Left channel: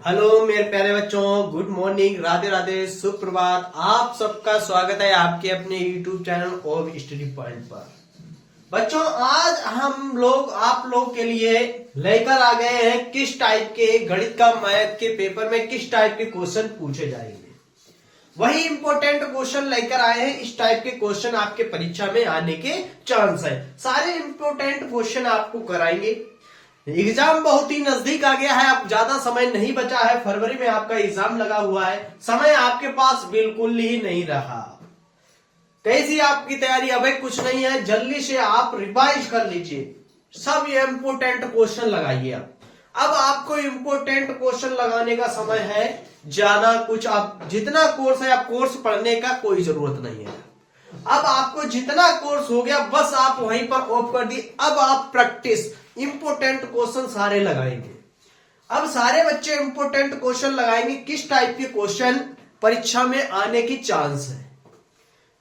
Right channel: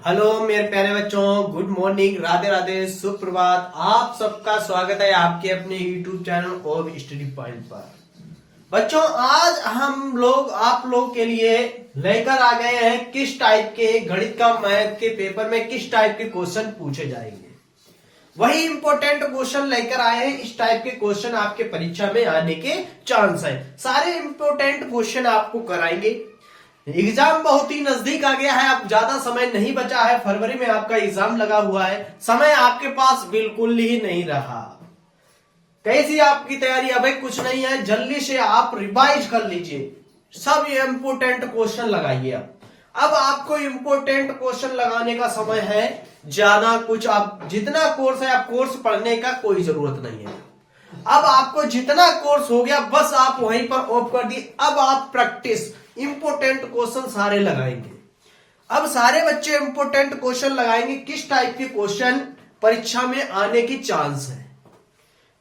Hello मेरे प्यारे बच्चों, गुड मॉर्निंग, राधे राधे, सुप्रभात। आप सबका स्वागत है आपके अपने यूट्यूब चैनल और स्टडी पॉइंट पर। बच्चों, आज हम लोग आप लोग के लिए लेकर आ गए हैं किस टाइप के गणित का मैथ के पेपर में किस टाइप के क्वेश्चन पूछे जाएंगे। वही इंपॉर्टेंट क्वेश्चन लेकर आए हैं। इस टाइप के क्वेश्चन आपके परीक्षा में आने के चांस है। सारे इंपॉर्टेंट क्वेश्चन आपको कराएंगे। एग्जाम बहुत ही नजदीक आ गया है, अब ज्यादा समय नहीं बचा है। फरवरी में आपका एग्जाम लगा हुआ है, समय आपके पास बिल्कुल ही नहीं रहा। कैसी आपकी तैयारी? अभी कुछ नहीं है, जल्दी से आप रिवाइज कर लीजिए, सब इंपोर्टेंट क्वेश्चन लगाइए। अब आपको इंपोर्टेंट क्वेश्चन लगाने का समय है। ज्यादा कुछ आप जितना कोर्स है, आप कोर्स पढ़ने का कोई जरूरत नहीं है। अब आपको जितना कोर्स हो गया बस आप वहीं पर ऑफ कर दिए। अब आप प्रैक्टिस इंपोर्टेंट क्वेश्चन सारे लगाएंगे। अब सारे बच्चे इंपोर्टेंट क्वेश्चन लगाएंगे। किस टाइप के क्वेश्चन परीक्षा में आने की चांस है,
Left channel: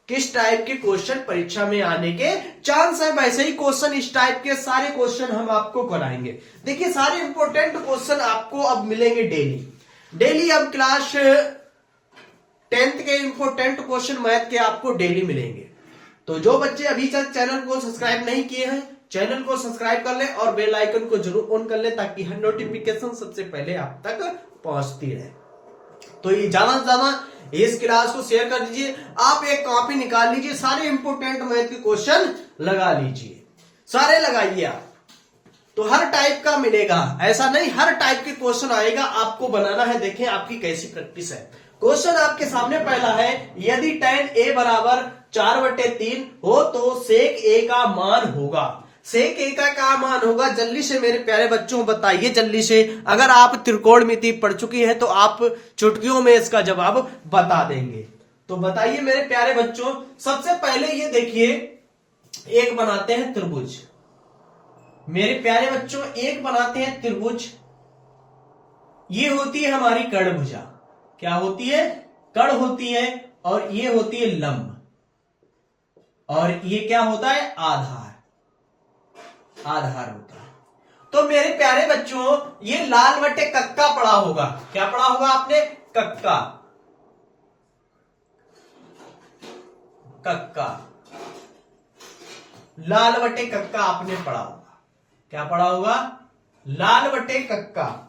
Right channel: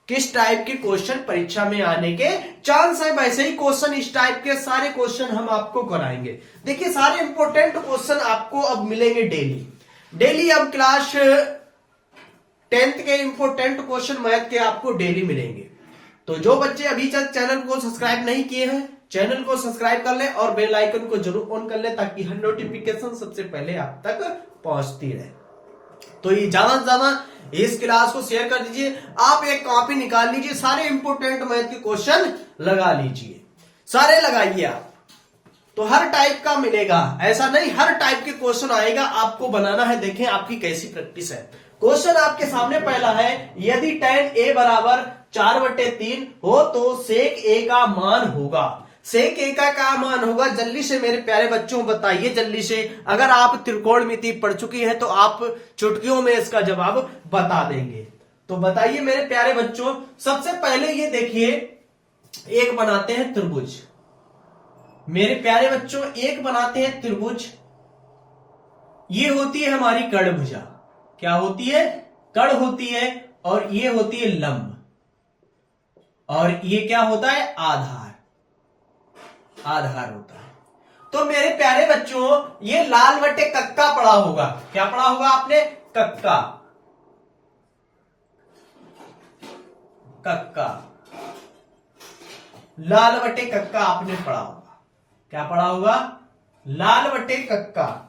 किस टाइप के क्वेश्चन परीक्षा में आने के चांस है, वैसे ही क्वेश्चन इस टाइप के सारे क्वेश्चन हम आपको कराएंगे। देखिए, सारे इंपोर्टेंट क्वेश्चन आपको अब मिलेंगे डेली डेली। अब क्लास 10th के इंपोर्टेंट क्वेश्चन मैथ के आपको डेली मिलेंगे। तो जो बच्चे अभी तक चैनल को सब्सक्राइब नहीं किए हैं, चैनल को सब्सक्राइब कर लें और बेल आइकन को जरूर ऑन कर लें, ताकि हर नोटिफिकेशन सबसे पहले आप तक पहुंचती रहे। तो ये ज्यादा से ज्यादा इस क्लास को शेयर कर दीजिए। आप एक कॉपी निकाल लीजिए, सारे इंपोर्टेंट मैथ के क्वेश्चन लगा लीजिए, सारे लगाइए आप। तो हर टाइप का मिलेगा, ऐसा नहीं हर टाइप के क्वेश्चन आएगा, आपको बनाना है। देखें आपकी कैसी प्रैक्टिस है। क्वेश्चन आपके सामने पहला है, यदि tan a बराबर 4/3 हो तो सेक a का मान होगा। सेक a का क्या मान होगा? जल्दी से मेरे प्यारे बच्चों बताइए, जल्दी से। अगर आप त्रिकोणमिति पढ़ चुकी हैं तो आप चुटकियों में इसका जवाब बता देंगे। तो बताइए मेरे प्यारे बच्चों। सबसे पहले ये देखिए, एक बनाते हैं त्रिभुज। मेरे प्यारे बच्चों, एक बनाते हैं त्रिभुज। ये होती है हमारी कर्णभुजा। क्या होती है? कर्ण होती है। और ये होती है लंब। और ये क्या होता है? आधार। आधार होता है। तो मेरे प्यारे बच्चों, ये लाल बटे कक्का पढ़ा होगा। क्या पढ़ा होगा आपने? कक्का। कक्का, लाल बटे कक्का आपने पढ़ा होगा। क्या पढ़ा होगा? लाल बटे कक्का।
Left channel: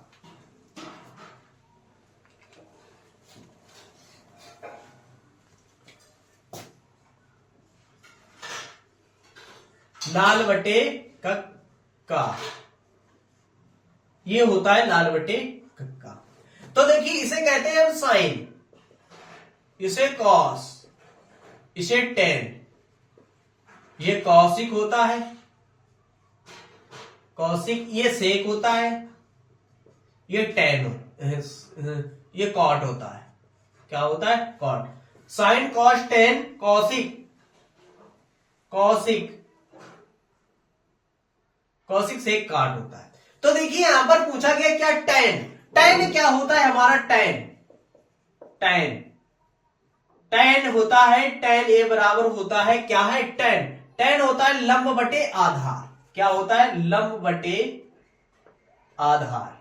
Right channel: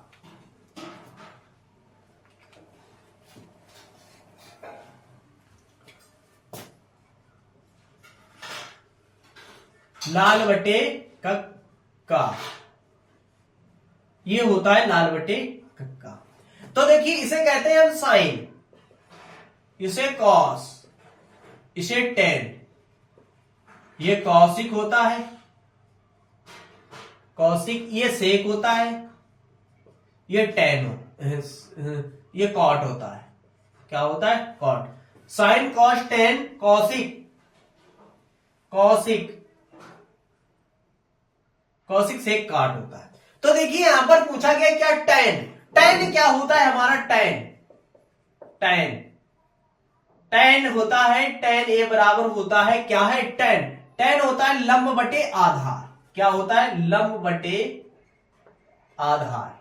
लाल बटे कक्का, ये होता है लाल बटे कक्का। तो देखिए, इसे कहते हैं हम साइन, इसे कॉस, इसे टेन। ये कौशिक होता है, कौशिक। ये सेक होता है, ये टेन ये कॉट होता है। क्या होता है? Cot. Sine cos tan, cosec. Cosec, cosec से काट होता है। तो देखिए यहां पर पूछा गया क्या? टेन। टेन क्या होता है हमारा? टेन। टेन, टेन होता है, टेन ए बराबर होता है क्या है? टेन। टेन होता है लंब बटे आधार। क्या होता है? लंब बटे आधार।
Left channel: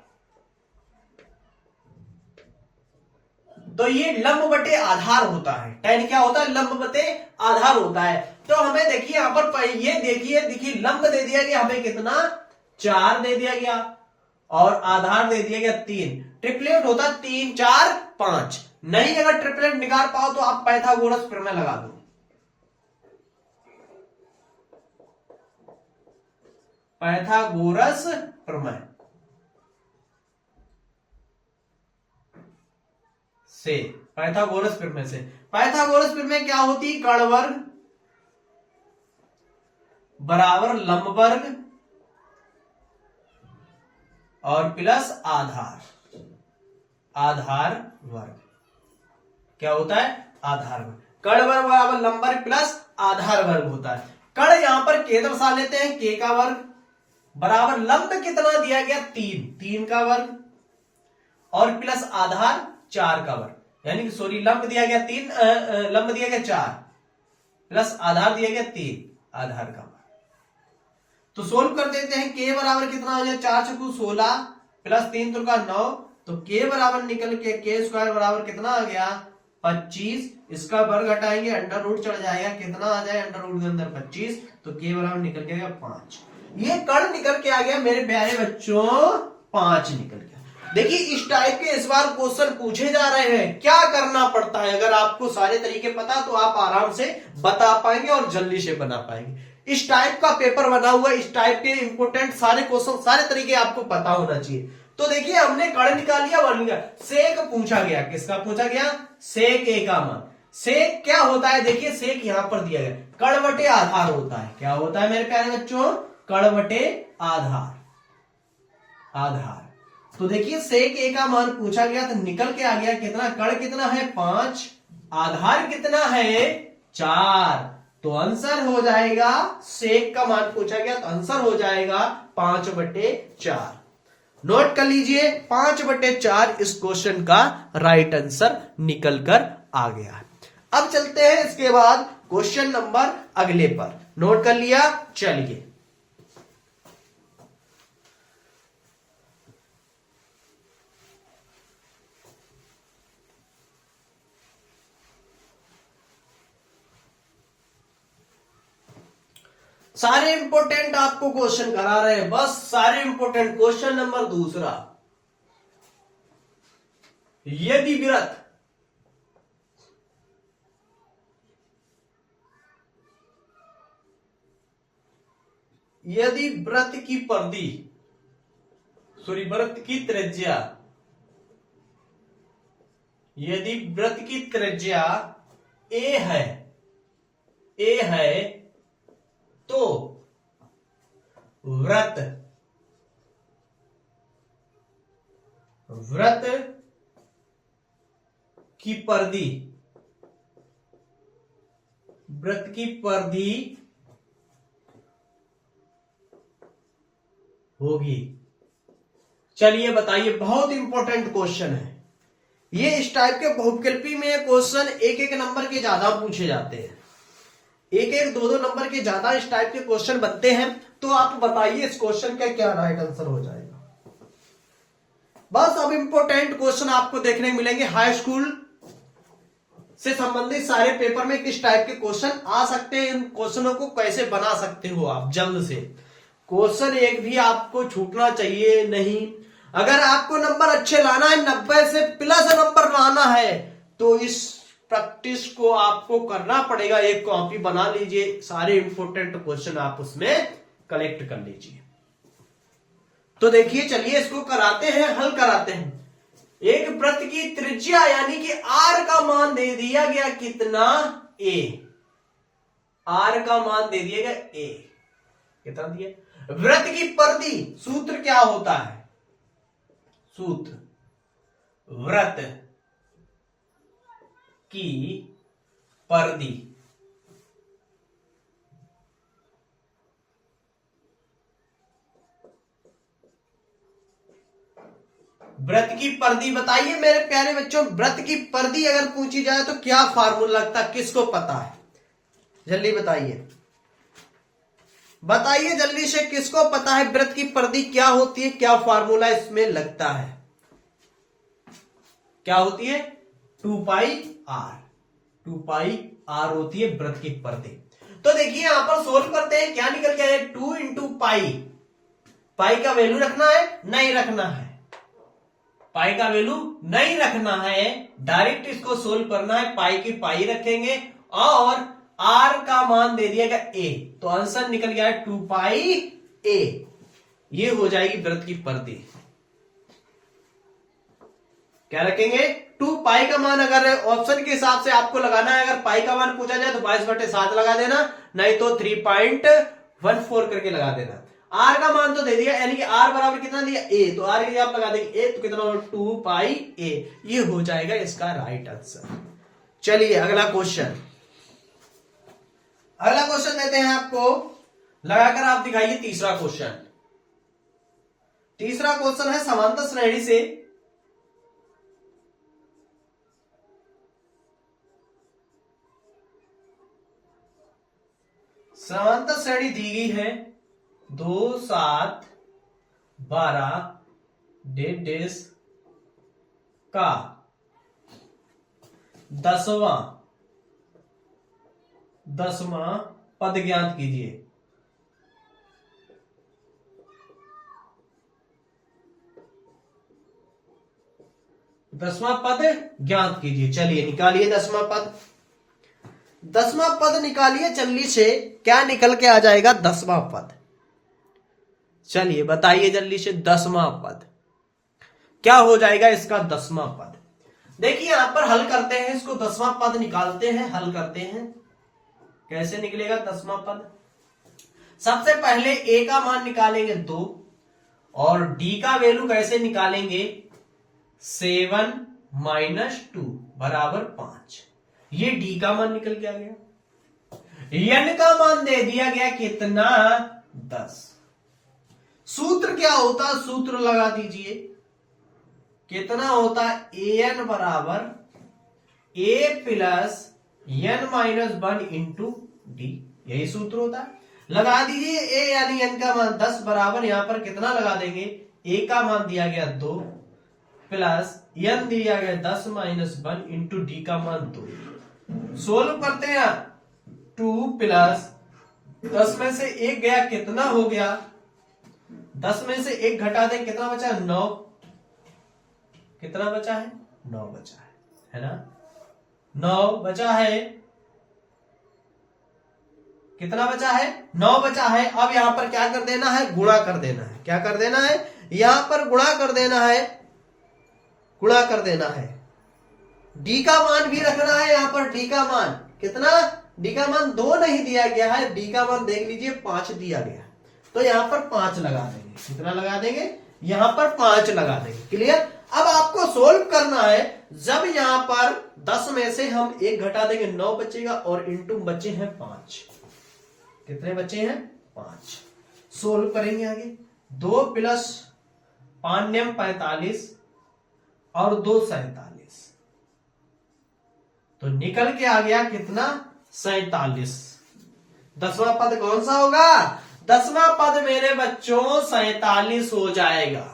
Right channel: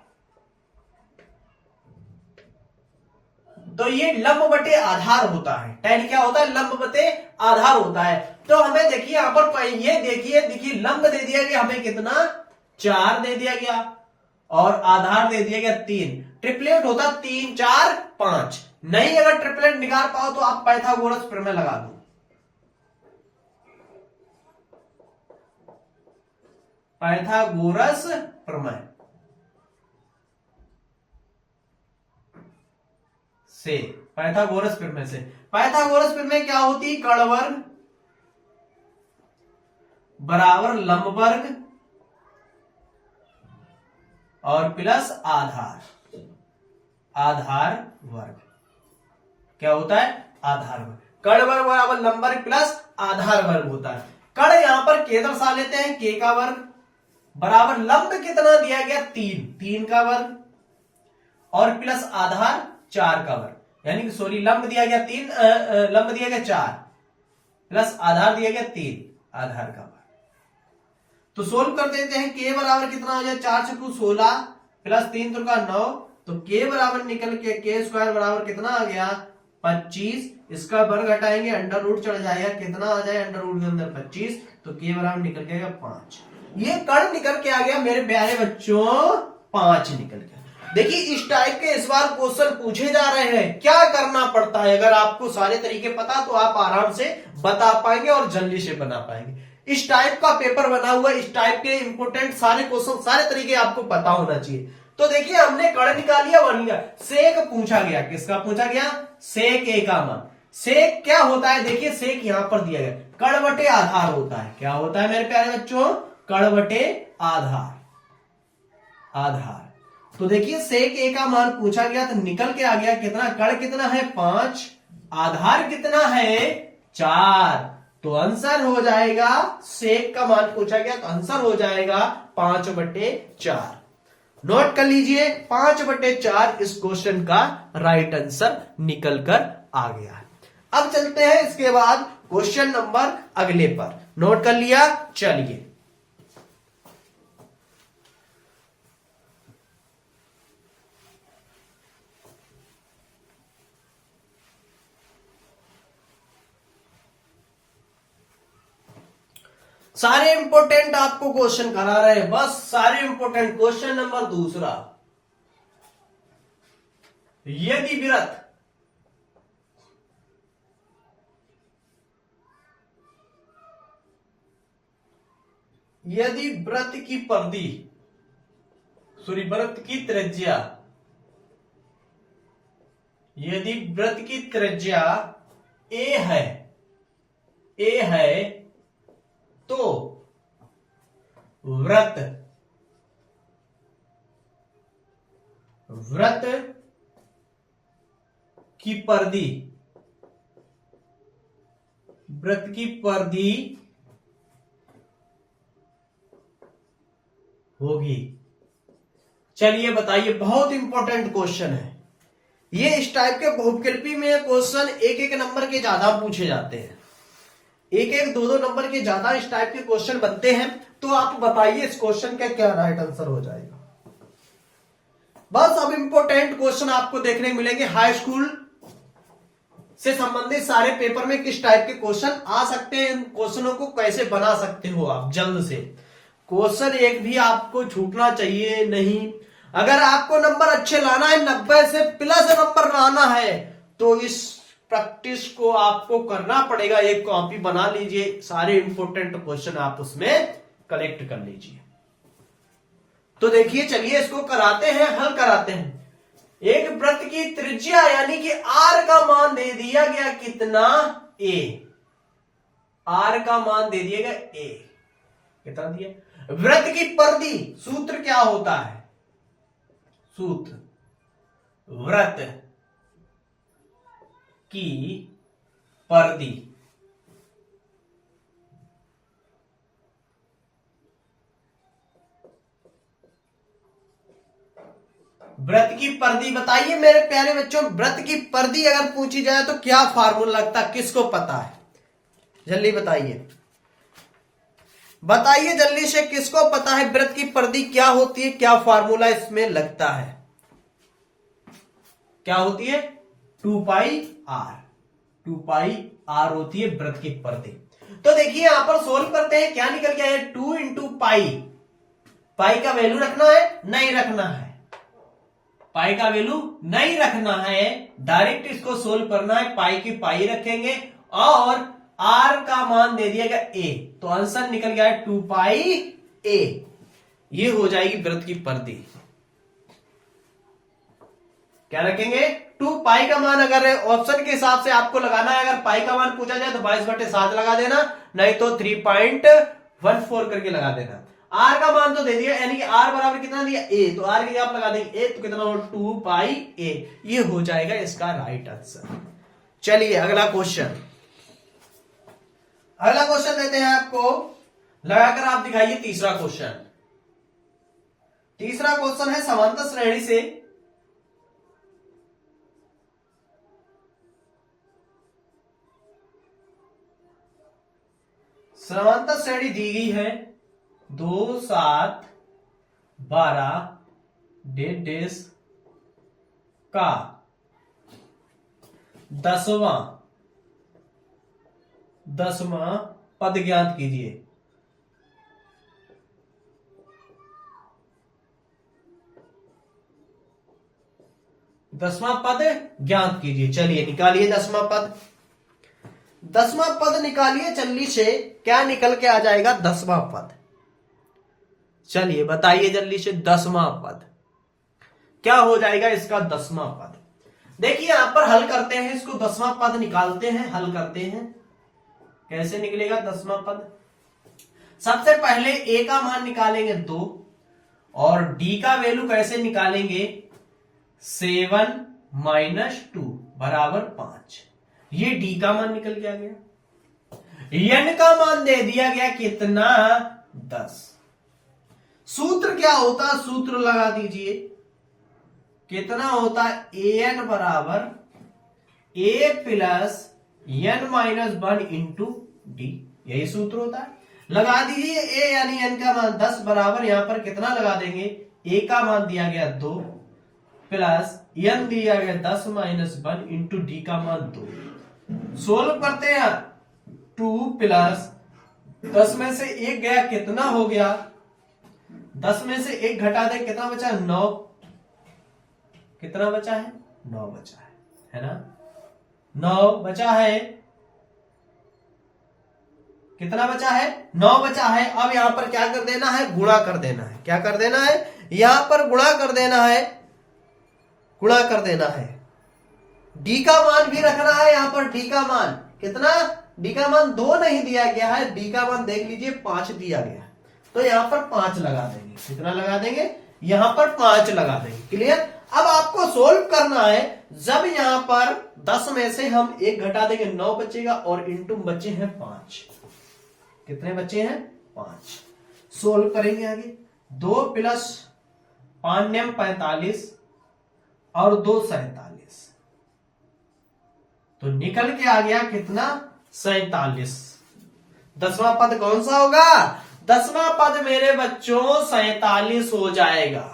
तो ये लंब बटे आधार होता है। टेन क्या होता है? लंब बटे आधार होता है। तो हमें देखिए यहां पर ये देखिए लंब दे दिया गया हमें कितना? 4 दे दिया गया, और आधार दे दिया गया 3। ट्रिपलेट होता 3 4 5। नहीं अगर ट्रिपलेट निकाल पाओ तो आप पाइथागोरस प्रमेय लगा दो। पाइथागोरस प्रमेय से, पाइथागोरस प्रमेय से। पाइथागोरस प्रमेय क्या होती है? कर्ण वर्ग बराबर लंब वर्ग और प्लस आधार। आधार वर्ग क्या होता है? आधार वर्ग। कर्ण वर्ग बराबर लंब वर्ग प्लस आधार वर्ग होता है। कर्ण यहां पर के दर्शा लेते हैं, के का वर्ग बराबर लंब कितना दिया गया? 3 का वर्ग और प्लस आधार 4 का वर्ग। यानी कि सॉरी, लंब दिया गया 3, लंब दिया गया 4 प्लस आधार दिया गया 3, आधार का वर्ग। तो सोल्व कर देते हैं। के बराबर कितना हो जाए? 4 × 16 प्लस 3 × 9 तो k बराबर निकल के k स्क्वायर बराबर कितना आ गया 25, इसका वर्ग घटाएंगे अंडर रूट चढ़ जाएगा, कितना आ जाए अंडर रूट के अंदर 25, तो k बराबर निकल के आ गया 5। ये कर्ण निकल के आ गया मेरे प्यारे बच्चों 5 निकल गया। देखिए इस टाइप के इस बार क्वेश्चन पूछे जा रहे हैं, क्या करना पड़ता है, अगर आपको सारे तरीके पता तो आप आराम से बता पाएंगे और जल्दी से बना पाएंगे। इस टाइप का पेपर बना हुआ, इस टाइप के इंपोर्टेंट सारे क्वेश्चन सारे तरीके आपको पता होना चाहिए। तो देखिए हमने कर्ण निकाल लिया, बन गया। सेक पूछा गया, किसका पूछा गया, सेक ए का मान। सेक क्या होता है, देखिए सेक यहां पर दिया गया, कर्ण बटे आधार होता है। क्या होता है मेरे प्यारे बच्चों, कर्ण बटे आधार, आधार। तो देखिए सेक ए का मान पूछा गया तो निकल के आ गया कितना, कर्ण कितना है 5, आधार कितना है 4, तो आंसर हो जाएगा, सेक का मान पूछा गया तो आंसर हो जाएगा 5/4। नोट कर लीजिए 5/4 इस क्वेश्चन का राइट आंसर निकल कर आ गया। अब चलते हैं इसके बाद क्वेश्चन नंबर अगले पर। नोट कर लिया, चलिए सारे इंपोर्टेंट आपको क्वेश्चन करा रहे हैं, बस सारे इंपोर्टेंट। क्वेश्चन नंबर दूसरा, यदि वृत्त की परिधि, सॉरी वृत्त की त्रिज्या, यदि वृत्त की त्रिज्या ए है, ए है, तो वृत्त की परिधि, वृत्त की परिधि होगी। चलिए बताइए, बहुत इंपॉर्टेंट क्वेश्चन है ये। इस टाइप के बहुविकल्पी में क्वेश्चन एक एक नंबर के ज्यादा पूछे जाते हैं, एक एक दो दो नंबर के ज्यादा इस टाइप के क्वेश्चन बनते हैं। तो आप बताइए इस क्वेश्चन का क्या राइट आंसर हो जाएगा। बस अब इंपॉर्टेंट क्वेश्चन आपको देखने मिलेंगे, हाई स्कूल से संबंधित सारे पेपर में किस टाइप के क्वेश्चन आ सकते हैं, इन क्वेश्चनों को कैसे बना सकते हो आप जल्द से। क्वेश्चन एक भी आपको छूटना चाहिए नहीं। अगर आपको नंबर अच्छे लाना है, 90 से प्लस नंबर लाना है, तो इस प्रैक्टिस को आपको करना पड़ेगा। एक कॉपी बना लीजिए, सारे इंपोर्टेंट क्वेश्चन आप उसमें कलेक्ट कर लीजिए। तो देखिए चलिए इसको कराते हैं, हल कराते हैं। एक वृत्त की त्रिज्या यानी कि आर का मान दे दिया गया कितना, ए। आर का मान दे दिया गया ए, कितना दिया। वृत्त की परिधि, सूत्र क्या होता है, सूत्र वृत्त की परिधि, वृत्त की परिधि बताइए मेरे प्यारे बच्चों। वृत्त की परिधि अगर पूछी जाए तो क्या फार्मूला लगता है, किसको पता है, जल्दी बताइए, बताइए जल्दी से, किसको पता है वृत्त की परिधि क्या होती है, क्या फार्मूला इसमें लगता है, क्या होती है 2πr, 2πr होती है वृत्त की परिधि। तो देखिए यहां पर सोल्व करते हैं, क्या निकल गया है 2 × पाई। पाई का वैल्यू रखना है, नहीं रखना है, पाई का वैल्यू नहीं रखना है, डायरेक्ट इसको सोल्व करना है। पाई की पाई रखेंगे और आर का मान दे दिया गया ए, तो आंसर निकल गया 2πa। ये हो जाएगी वृत्त की परिधि। क्या रखेंगे 2π का मान, अगर ऑप्शन के हिसाब से आपको लगाना है, अगर पाई का मान पूछा जाए तो 22/7 लगा देना, नहीं तो 3.14 करके लगा देना। आर का मान तो दे दिया, यानी कि आर बराबर कितना दिया ए, तो आर के लिए आप लगा देंगे ए, तो कितना होगा 2πa। ये हो जाएगा इसका राइट आंसर। चलिए अगला क्वेश्चन, अगला क्वेश्चन देते हैं आपको, लगाकर आप दिखाइए तीसरा क्वेश्चन। तीसरा क्वेश्चन है समांतर श्रेणी से समांतर श्रेणी दी गई है 2, 7, 12, 1.5, का 10वां पद ज्ञात कीजिए। दसवां पद ज्ञात कीजिए। चलिए निकालिए दसवां पद। दसवां पद निकालिए जल्दी से। क्या निकल के आ जाएगा? दसवां पद। चलिए बताइए जल्दी से, दसवां पद क्या हो जाएगा इसका? दसवां पद देखिए यहां पर हल करते हैं इसको। दसवां पद निकालते हैं, हल करते हैं। कैसे निकलेगा दसवां पद? सबसे पहले ए का मान निकालेंगे 2 और डी का वैल्यू कैसे निकालेंगे? 7 - 2 बराबर 5। ये डी का मान निकल के आ गया। एन का मान दे दिया गया कितना? 10। सूत्र क्या होता? सूत्र लगा दीजिए। कितना होता? an बराबर a plus n minus 1 into D. यही सूत्र होता है। लगा दीजिए a यानी n का मान 10 बराबर यहां पर कितना लगा देंगे? a का मान दिया गया 2 प्लस n दिया गया 10 माइनस 1 इंटू डी का मान 2। सोल्व करते हैं। 2 प्लस 10 में से 1 गया, कितना हो गया? 10 में से 1 घटा दें, कितना बचा? 9। कितना बचा है? 9 बचा है ना? 9 बचा है। कितना बचा है? 9 बचा है। अब यहां पर क्या कर देना है? गुणा कर देना है। क्या कर देना है? यहां पर गुणा कर देना है। गुणा कर देना है। डी का मान भी रखना है यहां पर। डी का मान कितना? डी का मान 2 नहीं दिया गया है, डी का मान देख लीजिए 5 दिया गया। तो यहां पर 5 लगा देंगे। कितना लगा देंगे? यहां पर 5 लगा देंगे। क्लियर? अब आपको सोल्व करना है। जब यहां पर 10 में से हम 1 घटा देंगे, 9 बचेगा और इंटू बचे हैं 5। कितने बचे हैं? 5। सोल्व करेंगे आगे। 2 प्लस 5 नेम 45 और 2 47। तो निकल के आ गया कितना? 47। दसवां पद कौन सा होगा? दसवां पद मेरे बच्चों 47 हो जाएगा।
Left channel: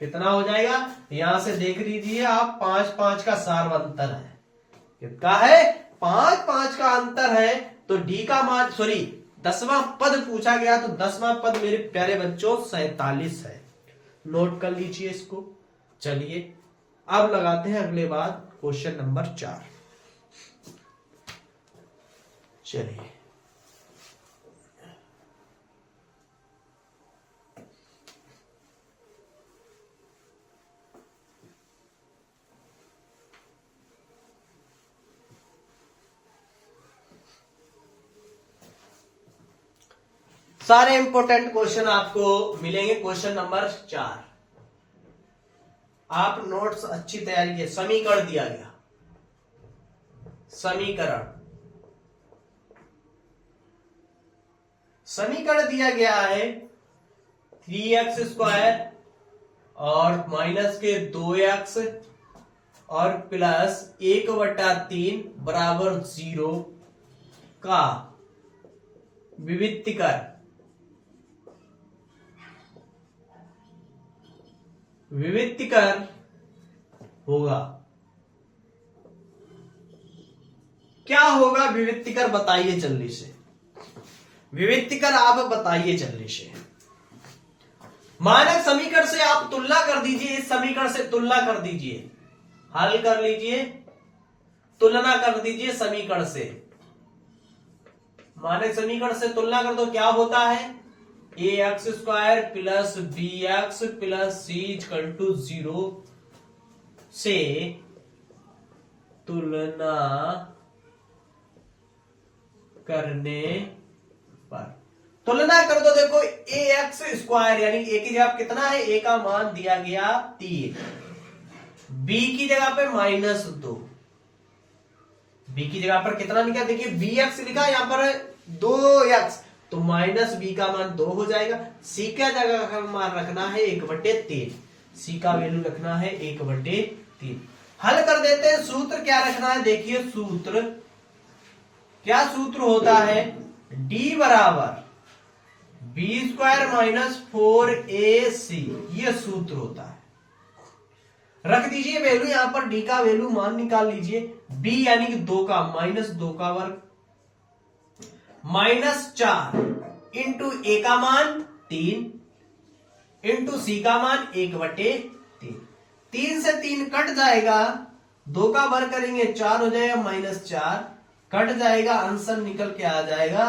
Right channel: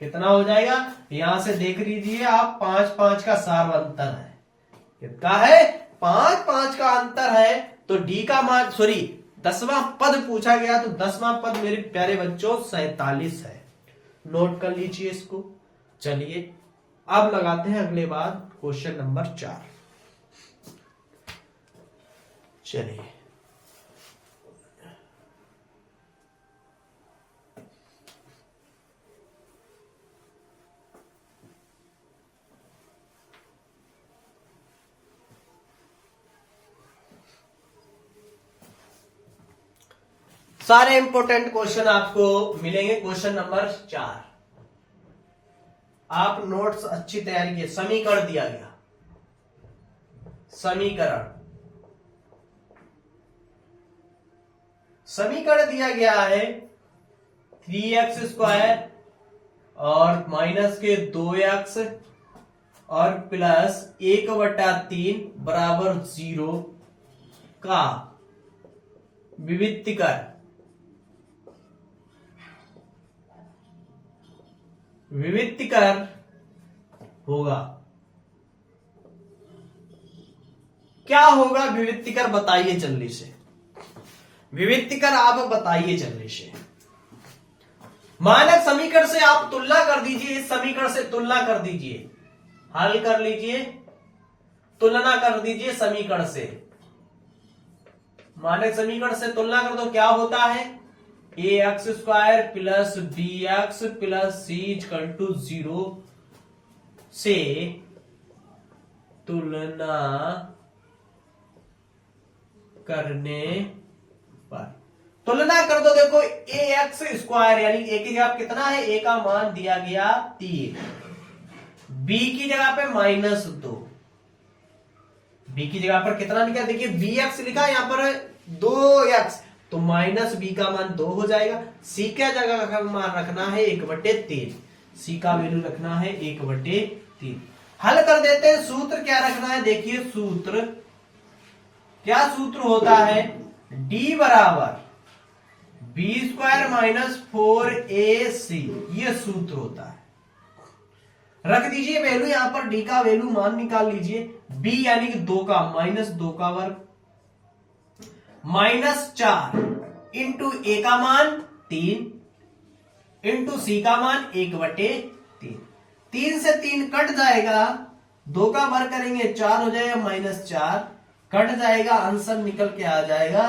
कितना हो जाएगा? यहां से देख लीजिए आप, 5-5 का सार अंतर है। कितना है? 5-5 का अंतर है। तो डी का मान, सॉरी, दसवां पद पूछा गया, तो दसवां पद मेरे प्यारे बच्चों 47 है। नोट कर लीजिए इसको। चलिए अब लगाते हैं अगले बार क्वेश्चन नंबर 4। चलिए सारे इंपॉर्टेंट क्वेश्चन आपको मिलेंगे। क्वेश्चन नंबर 4 आप नोट्स अच्छी तैयारी किए। समीकरण दिया गया। समीकरण दिया गया है 3x² और माइनस के 2x और प्लस 1/3 बराबर 0 का विविक्तीकर होगा। क्या होगा विविक्तीकर? बताइए जल्दी से। विविक्तीकर आप बताइए जल्दी से। मानक समीकरण से आप तुलना कर दीजिए। इस समीकरण से तुलना कर दीजिए। हल कर लीजिए, तुलना कर दीजिए समीकरण से। मानक समीकरण से तुलना कर दो। क्या होता है? ax² plus bx plus c = 0 से तुलना करने पर। तुलना कर दो। देखो ax² यानी a की जगह कितना है? a का मान दिया गया 3, b की जगह पे -2, b की जगह पर कितना लिखा? देखिए bx लिखा, यहां पर 2x, तो -b का मान 2 हो जाएगा। c का जगह का मान रखना है 1/3, c का वैल्यू रखना है 1/3। हल कर देते हैं। सूत्र क्या रखना है? देखिए सूत्र क्या सूत्र होता है? d बराबर b² - 4ac, ये सूत्र होता है। रख दीजिए वैल्यू, यहां पर डी का वैल्यू मान निकाल लीजिए। बी यानी कि 2 का माइनस 2 का वर्ग माइनस 4 इंटू ए का मान 3 इंटू सी का मान 1/3। 3 से 3 कट जाएगा, 2 का वर्ग करेंगे 4 हो जाएगा, माइनस 4 कट जाएगा, आंसर निकल के आ जाएगा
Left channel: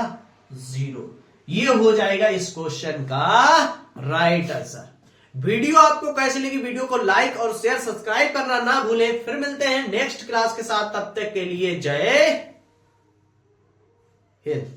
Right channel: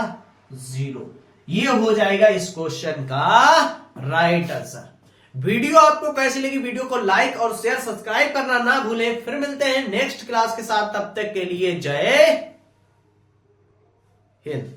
0। ये हो जाएगा इस क्वेश्चन का राइट आंसर। वीडियो आपको कैसी लगी? वीडियो को लाइक और शेयर सब्सक्राइब करना ना भूलें। फिर मिलते हैं नेक्स्ट क्लास के साथ, तब तक के लिए जय हिंद।